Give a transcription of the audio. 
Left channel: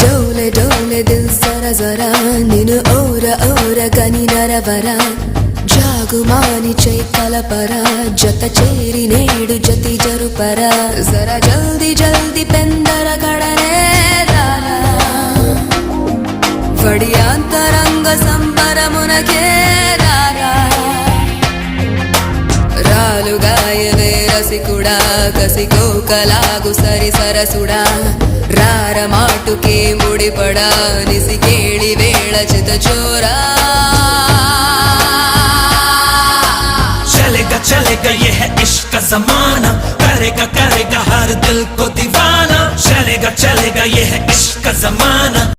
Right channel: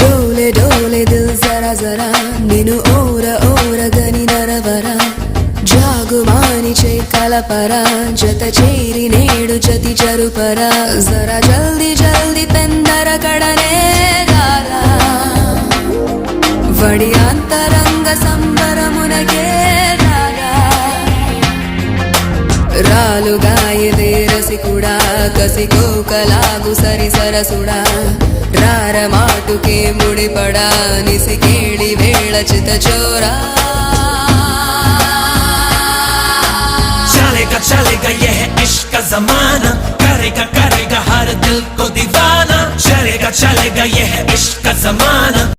डोले डोले दिल जरा जरा निनु ओरा ओरा गनी नरवरा जागुमानी कलपरा जत चेरी नेडु जति जरुपरा जरा जल्दी जल्दी पेंदर कड़ने लाला वड़ी अंतरंग संबर मुनके लाला रालु गाये रसिकुड़ा कसिको कला